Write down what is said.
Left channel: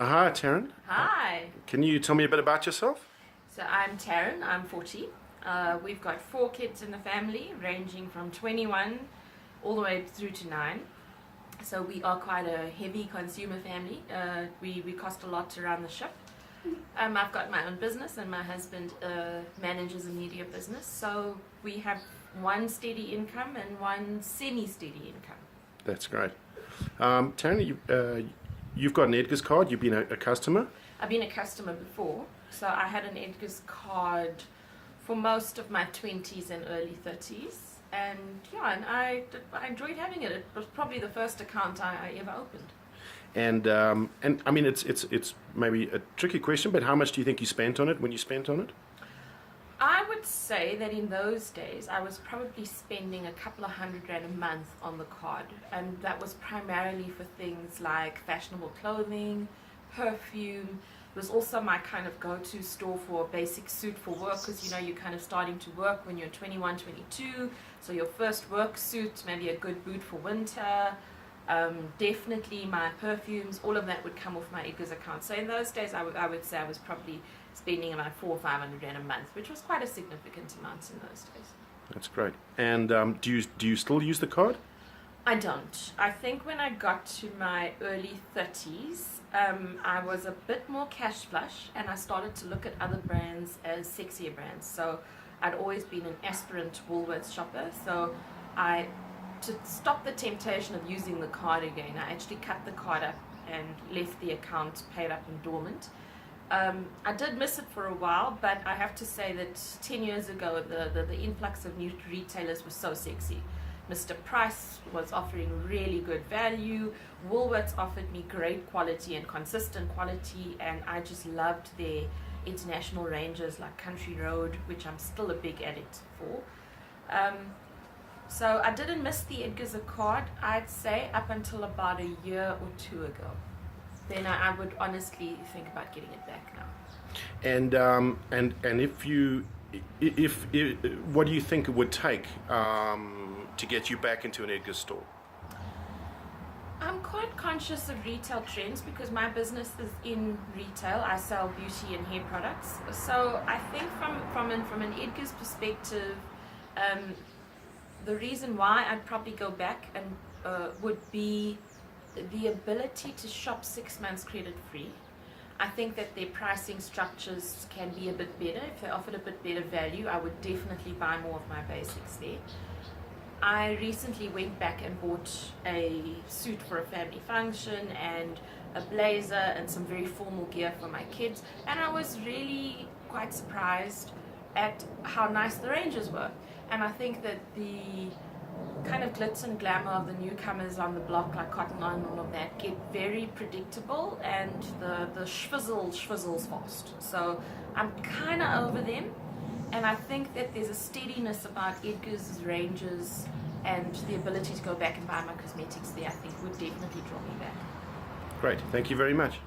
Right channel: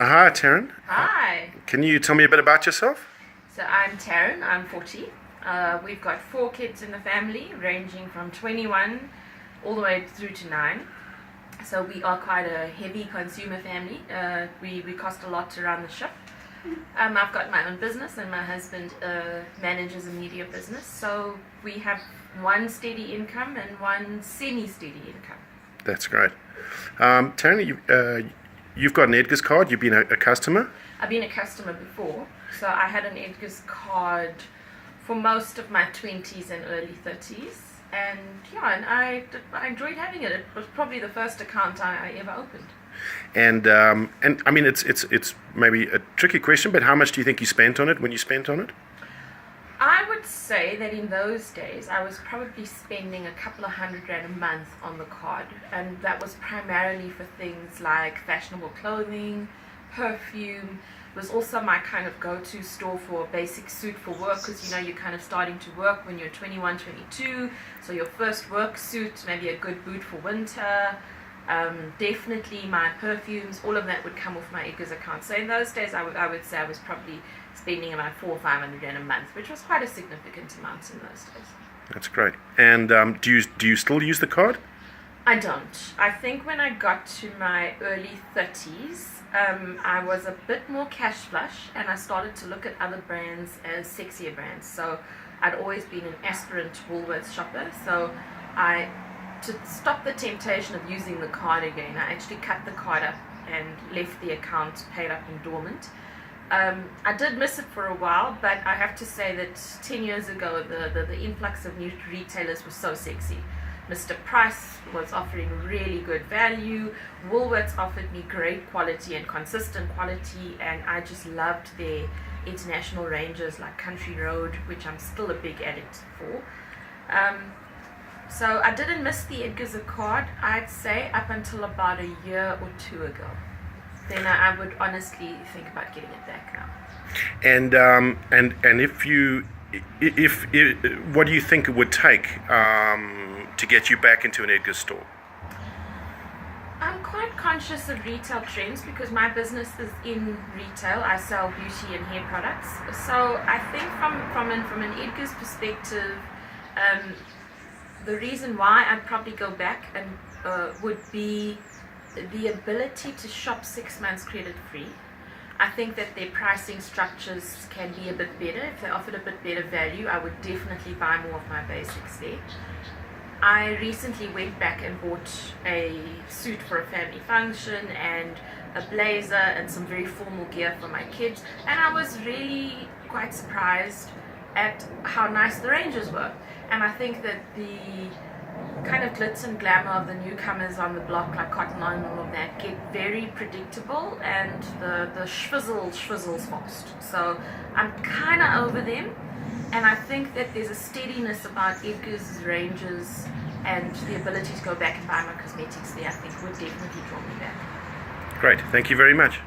Hi, Taryn. Hi. Can you tell me a bit about yourself? So I'm Taryn, I'm 40. We've got 4 kids in the family, ranging from 21 all the way through to 9. So we are quite a heavy consumer family. We cost a lot to run the ship. I've got my own business and my husband manages a media business. So we have one steady income and one semi-steady income. That's great. Taryn, you've got an Edgar's card. You've been a customer. I've been a customer before, so I had an Edgar's card for most of my 20s and early 30s, and I enjoyed having it. It was probably the first account I ever opened. And I mean, it's maybe a tricky question, but how much do you think you spent on it when you spent on it? I would say that in those days I was probably spending a couple of $100 a month on the card, and that was primarily for things like fashionable clothing, perfume. It was also my kind of go-to store for a basic suit for work, because you're kind of starting to work when you're 21, 22, so your first work suit, maybe a good boot for winter. Definitely my perfumes, all of that would come off my Edgar's account. So in those days I would say I was probably spending about $400 or $500 a month, which was quite a significant amount in those days. That's great. And do you still use the card? I don't. I think when I got to my early 30s, I was a bit more cash flush, and I started to look at other brands as sexier brands. So I'd always been an aspirant Woolworths shopper, so to stop the temptation of using the card again, I actually cut the card up and left the account paid up and dormant. I did miss it for a while, but I have to say that 10 years ago the influx of new retailers was so sexy. Mr. Price was offering really good value. Woolworths offered me great quality and consistent quality, and I just loved their international ranges like Country Road, which I'm still a big addict for. So I didn't miss the Edgar's card, I'd say, up until about a year or two ago. Then I would honestly think about getting it back now. And if what do you think it would take to get you back into an Edgar's store? I'm quite conscious of retail trends because my business is in retail. I sell beauty and hair products. So I think from an Edgar's perspective, the reason why I'd probably go back and would be the ability to shop 6 months credit free. I think that their pricing structures can be a bit better. If they offered a bit better value, I would definitely buy more of my basics there. I recently went back and bought a suit for a family function and a blazer and some very formal gear for my kids, and I was really quite surprised at how nice the ranges were. And I think that the kind of glitz and glamour of the newcomers on the block, like Cotton On and all of that, get very predictable, and the schwizzles fast. So I'm kind of over them, and I think that there's a steadiness about Edgar's ranges, and the ability to go back and buy my cosmetics there, I think, would definitely draw me back. Great. Thank you very much.